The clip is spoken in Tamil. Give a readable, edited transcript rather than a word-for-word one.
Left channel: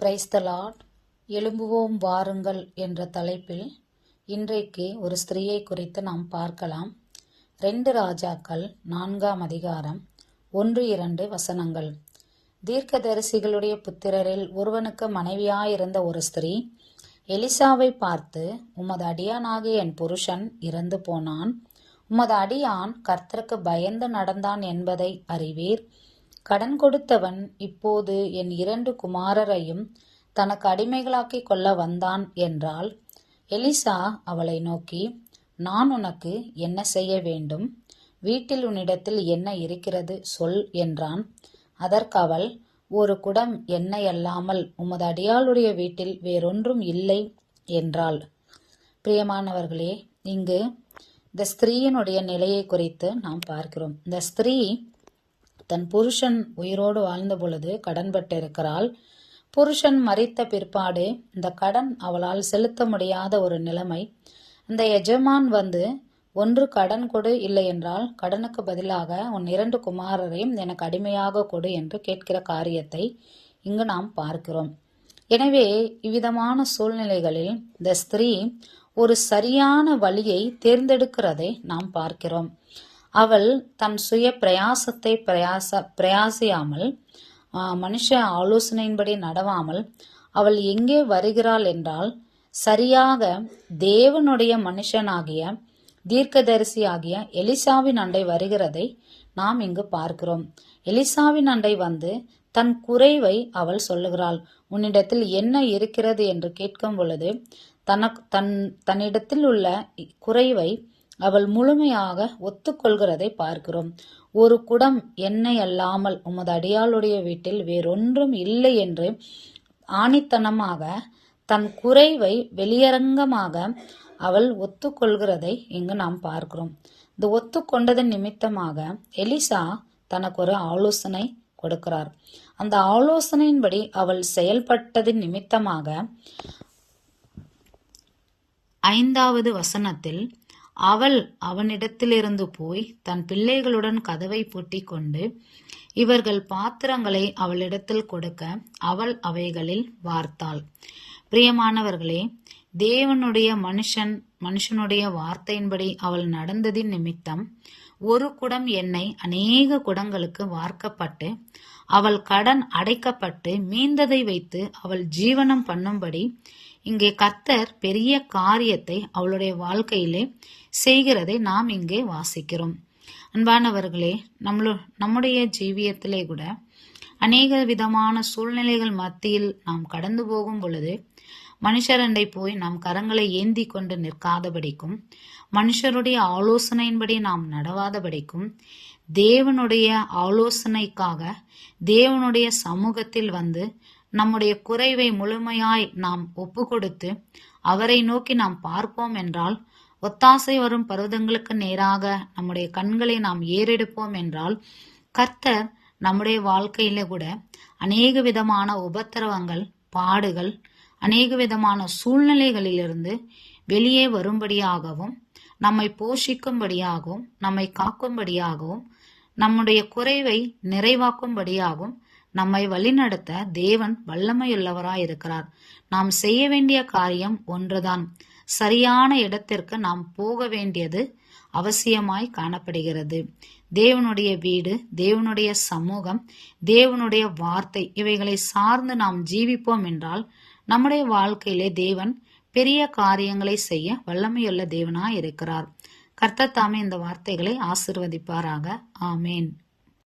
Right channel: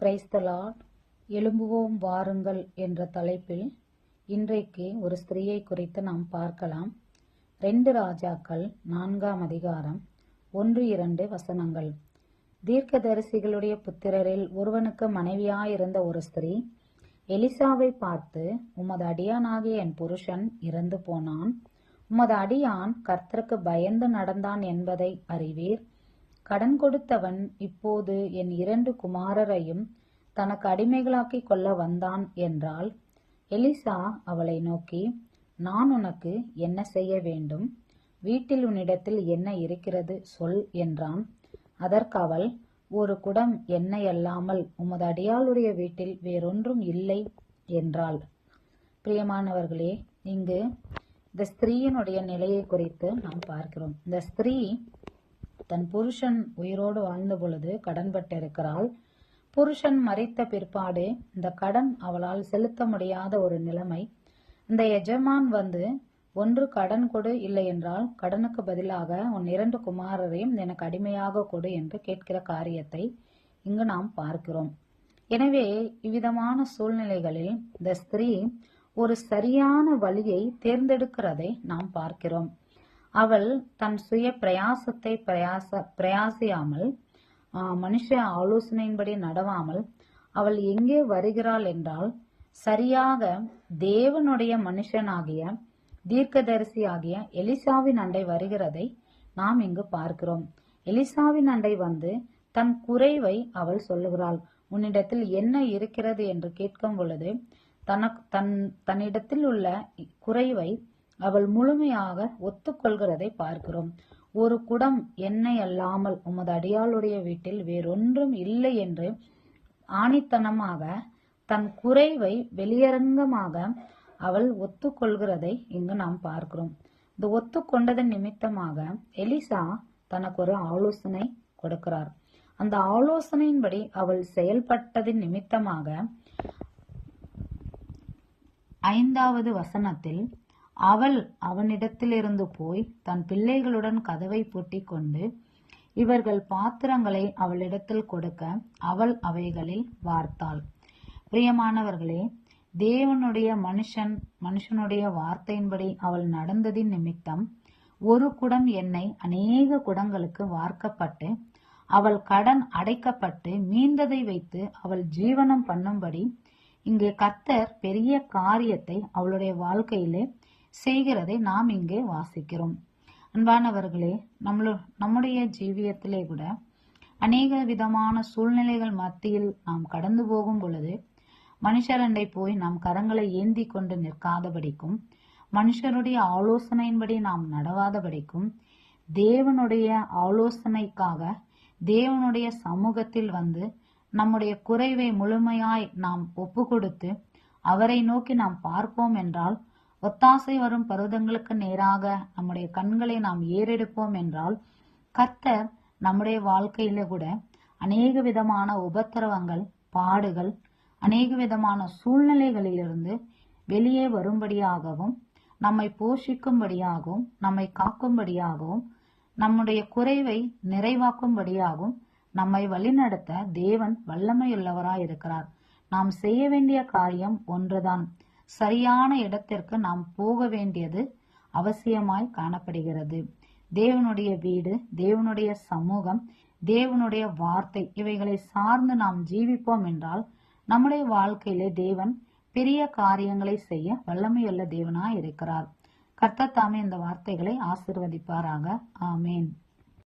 Praise the Lord. எழும்புவோம் வாருங்கள் என்ற தலைப்பில் இன்றைக்கு ஒரு ஸ்திரீயை குறித்து நாம் பார்க்கலாம். 2 ராஜாக்கள் 4ஆம் அதிகாரம் 1-2 வசனங்கள். தீர்க்கதரிசிகளுடைய புத்திரரில் ஒருவனுக்கு மனைவியாயிருந்த ஒரு ஸ்திரீ எலிசாவை பார்த்து, உமது அடியானாகிய என் புருஷன் இறந்து போனான். உமது அடியான் கர்த்தருக்கு பயந்து நடந்தான் என்பதை அறிவீர். கடன் கொடுத்தவன் இப்போது என் 2 குமாரரையும் தனக்கு அடிமைகளாக்கி கொள்ள வந்தான் என்றாள். எலிசா அவளை நோக்கி, நான் உனக்கு என்ன செய்ய வேண்டும்? வீட்டில் உன்னிடத்தில் என்ன இருக்கிறது சொல் என்றான். அதற்கு அவள், ஒரு குடம் எண்ணெய் அல்லாமல் உமது அடியாளுடைய வீட்டில் வேறொன்றும் இல்லை என்றாள். பிரியமானவர்களே, இங்கு இந்த ஸ்திரீயினுடைய நிலையை குறித்து நாம் பார்க்கிறோம். இந்த ஸ்திரீ தன் புருஷன் உயிரோடு வாழ்ந்த பொழுது கடன்பட்டிருக்கிறாள். புருஷன் மரித்த பிற்பாடு இந்த கடன் அவளால் செலுத்த முடியாத ஒரு நிலைமை. இந்த எஜமான் வந்து, ஒன்று கடன் கொடு, இல்லை என்றால் கடனுக்கு பதிலாக உன் 2 குமாரரையும் எனக்கு அடிமையாக கொடு என்று கேட்கிற காரியத்தை இங்கு நாம் பார்க்கிறோம். எனவே இவ்விதமான சூழ்நிலைகளில் இந்த ஸ்திரீ ஒரு சரியான வழியை தேர்ந்தெடுக்கிறதை நாம் பார்க்கிறோம். அவள் தன் சுய பிரயாசத்தை பிரயாசியாமல், மனுஷ ஆலோசனையின்படி நடவாமல், அவள் எங்கே வருகிறாள் என்றால், சரியாக தேவனுடைய மனுஷனாகிய தீர்க்கதரிசியாகிய எலிசாவின் அண்டை வருகிறதை நாம் இங்கு பார்க்கிறோம். எலிசாவின் அண்டை வந்து தன் குறைவை அவள் சொல்லுகிறாள். உன்னிடத்தில் என்ன இருக்கிறது என்று கேட்கும் பொழுது தன்னிடத்தில் உள்ள குறைவை அவள் முழுமையாக ஒத்துக்கொள்கிறதை பார்க்கிறோம். ஒரு குடம் எண்ணெய் அல்லாமல் உமது அடியாளுடைய வீட்டில் வேறொன்றும் இல்லை என்று ஆணித்தனமாக தன் குறைவை வெளியரங்கமாக அவள் ஒத்துக்கொள்கிறதை இங்கு நாம் பார்க்கிறோம். இந்த ஒத்துக்கொண்டதன் நிமித்தமாக எலிசா தனக்கு ஒரு ஆலோசனை கொடுக்கிறார். அந்த ஆலோசனையின்படி அவள் செயல்பட்டதின் நிமித்தமாக 5வது வசனத்தில், அவள் அவனிடத்திலிருந்து போய் தன் பிள்ளைகளுடன் கதவை பூட்டி கொண்டு இவர்கள் பாத்திரங்களை அவளிடத்தில் கொடுக்க அவள் அவைகளில் வார்த்தாள். பிரியமானவர்களே, தேவனுடைய மனுஷனுடைய வார்த்தையின்படி அவள் நடந்ததின் நிமித்தம் ஒரு குடம் எண்ணெய் அநேக குடங்களுக்கு வார்க்கப்பட்டு அவள் கடன் அடைக்கப்பட்டு மீந்ததை வைத்து அவள் ஜீவனம் பண்ணும்படி இங்கே கர்த்தர் பெரிய காரியத்தை அவளுடைய வாழ்க்கையிலே செய்கிறதை நாம் இங்கே வாசிக்கிறோம். அன்பானவர்களே, நம்முடைய ஜீவியத்திலே கூட அநேக விதமான சூழ்நிலைகள் மத்தியில் நாம் கடந்து போகும் பொழுது மனுஷரண்டை போய் நாம் கரங்களை ஏந்தி கொண்டு நிற்காதபடிக்கும், மனுஷருடைய ஆலோசனையின்படி நாம் நடவாதபடிக்கும், தேவனுடைய ஆலோசனைக்காக தேவனுடைய சமூகத்தில் வந்து நம்முடைய குறைவை முழுமையாய் நாம் ஒப்பு கொடுத்து அவரை நோக்கி நாம் பார்ப்போம் என்றால், ஒத்தாசை வரும் பருவதங்களுக்கு நேராக நம்முடைய கண்களை நாம் ஏறெடுப்போம் என்றால், கர்த்தர் நம்முடைய வாழ்க்கையில கூட அநேக விதமான உபத்திரவங்கள், பாடுகள், அநேக விதமான சூழ்நிலைகளிலிருந்து வெளியே வரும்படியாகவும், நம்மை போஷிக்கும்படியாகவும், நம்மை காக்கும்படியாகவும், நம்முடைய குறைவை நிறைவாக்கும்படியாகவும் நம்மை வழிநடத்த தேவன் வல்லமையுள்ளவராயிருக்கிறார். நாம் செய்ய வேண்டிய காரியம் ஒன்றுதான். சரியான இடத்திற்கு நாம் போக வேண்டியது அவசியமாய் காணப்படுகிறது. தேவனுடைய வீடு, தேவனுடைய சமூகம், தேவனுடைய வார்த்தை, இவைகளை சார்ந்து நாம் ஜீவிப்போம் என்றால் நம்முடைய வாழ்க்கையிலே தேவன் பெரிய காரியங்களை செய்ய வல்லமையுள்ள தேவனாய் இருக்கிறார். கர்த்தர் தாமே இந்த வார்த்தைகளை ஆசீர்வதிப்பாராக. ஆமேன்.